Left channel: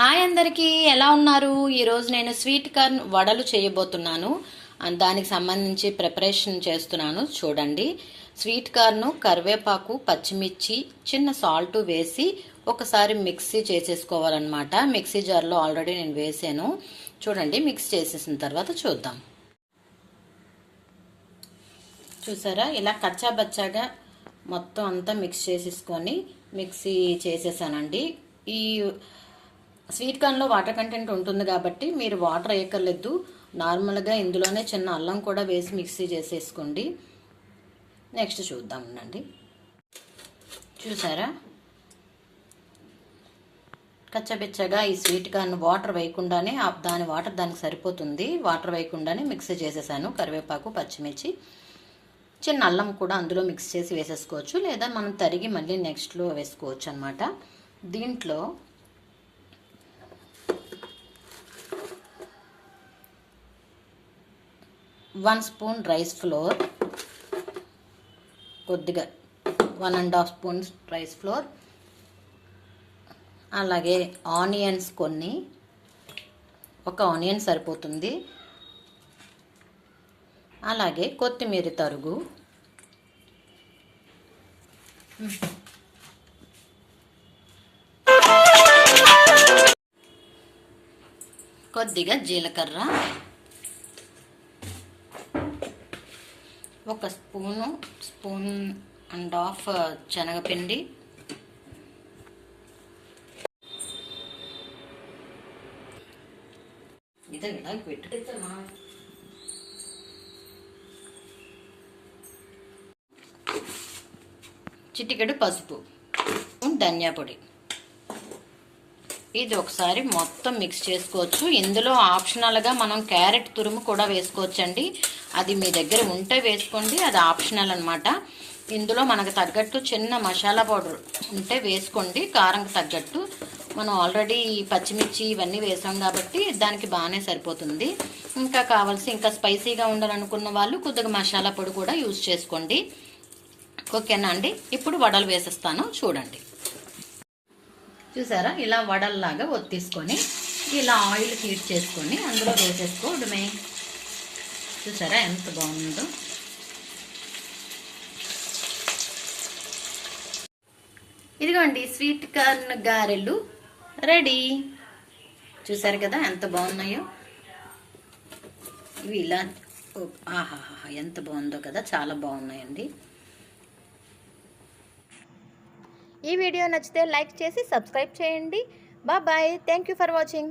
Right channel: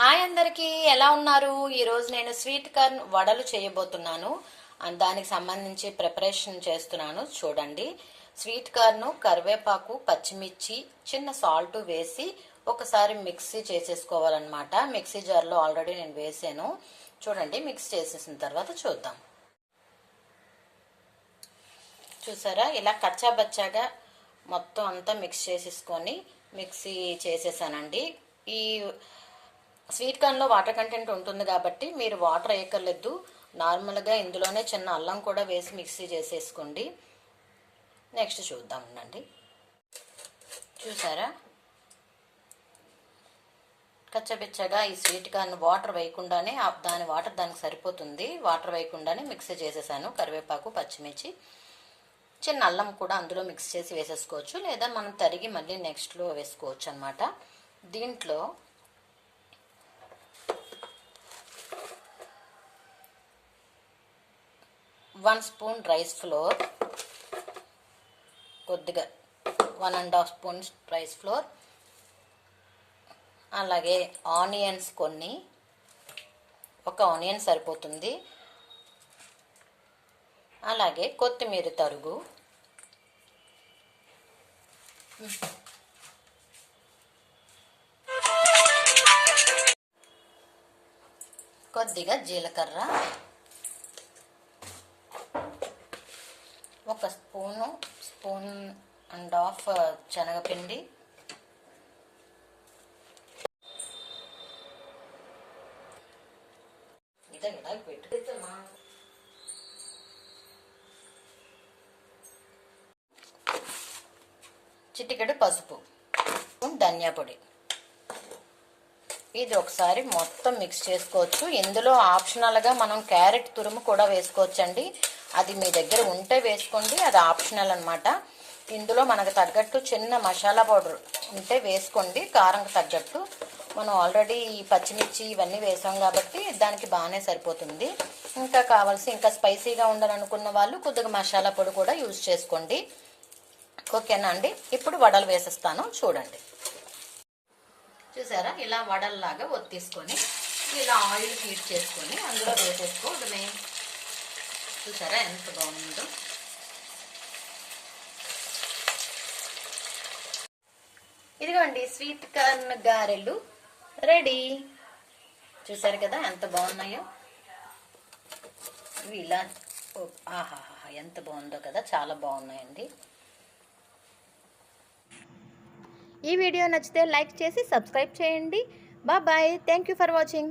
Hi అందరికీ, ఎలా ఉన్నారు? ఈరోజు నేను స్వీట్ కార్న్ వడలు చేయబోతున్నాను. దానికి సంబంధించి ప్రిపరేషన్ చేస్తున్నాను. చూడండి, స్వీట్ కార్న్, కరివేపాకు, పచ్చిమిర్చి, చిన్న సాల్ట్ వేసి ఒకసారి మిక్సీ చేసేసుకోవాలన్నమాట. మిక్సీ జార్లో ఆల్రెడీ నేను వేసాను. చూడండి, మిక్స్ చేసేసిన తర్వాత చూద్దాం. చూసారా, ఇలా కచ్చాబచ్చాగా మొత్తం అంతా మిక్స్ చేసేసుకొని మిక్సీ చేసేసానండి. ఈ స్వీట్ కార్న్లో వాటర్ కంటెంట్ ఉంటుంది కాబట్టి మీరు వాటర్ వేయక్కర్లేదు. నార్మల్గా ఇందులోనే చిన్న అల్లం కూడా వేసి మిక్సీ చేసేసుకోండి. నెక్స్ట్ చూద్దాం అండి. చూసారా, కచ్చబెచ్చగా ఈ స్వీట్ కార్న్ వాటర్ వేయకుండానే దాని వాటర్ దానికి సరిపోతుంది. వాటర్ వేయకుండానే మిక్సీ చేసేసాను. కరివేపాకు, పచ్చిమిర్చి, చిన్న అల్లం కూడా అందులో మిక్స్ చేసి వేసేసుకోవచ్చు, లేదా మనం తరిగి మళ్ళీ నెక్స్ట్లో వేసుకోవచ్చు అనమాట. దీంట్లో 1 స్పూన్ రైస్ ఫ్లోర్, కొద్దిగా 1.5 స్పూన్స్ రైస్ ఫ్లోర్, అలాగే ఆనియన్స్ కొన్ని, ఒక ఆనియన్ సరిపోతుంది, అలాగే కొత్తిమీర తరుగు, కొద్దిగా జీలకర్ర, ఒక స్పూన్ అండ్ హాఫ్ శనగపిండి, చిటికెడు పసుపు, ధనియా పొడి. ఇది ఒకసారి మొత్తం మిక్స్ చేసుకోవచ్చు. ఇందులో ఆప్షనల్గా మనం క్యారెట్ తురుము కూడా వేసుకోవచ్చండి. అది మీ దగ్గర ఉంటే వేసుకోండి, అది ఆప్షనల్ అనమాట. ఇందులో మనకు తగ్గట్టు చిన్న మసాలా పౌడర్ ఉంటే వేసుకోండి, కారంకి తగ్గట్టు. మనం ఆల్రెడీ పచ్చిమిర్చి ఇవన్నీ వేసాం కాబట్టి దానికి బాగానే సరిపోతుంది. ఇంకా ఇంకా స్పైసీగా ఉండాలనుకున్న వాళ్ళు కొద్దిగా మసాలా పొడి కూడా యూజ్ చేసుకోండి. ఓకేనా అండి? ఇప్పుడు వడలు వేసేస్తాను, చూడండి. చూసారా, ఇలా వడల్లాగా ఒత్తిసుకొని ఇలా ఆయిల్ హీట్ చేసుకొని అందులో వేసేసుకోవడమే. చూసారా ఎంత బాగుందో. ఇదిగోండి, స్వీట్ కార్న్ గారెలు రెడీ. చూసారు కదా ఎంత బాగున్నాయో ఇవి. ఇలా ఆహా, ఎంత బాగుందో కదా, చాలా బాగున్నాయండి. ఈ వీడియో నచ్చితే లైక్ చేసి సబ్స్క్రైబ్ చేయండి. Bye. Thank you for watching.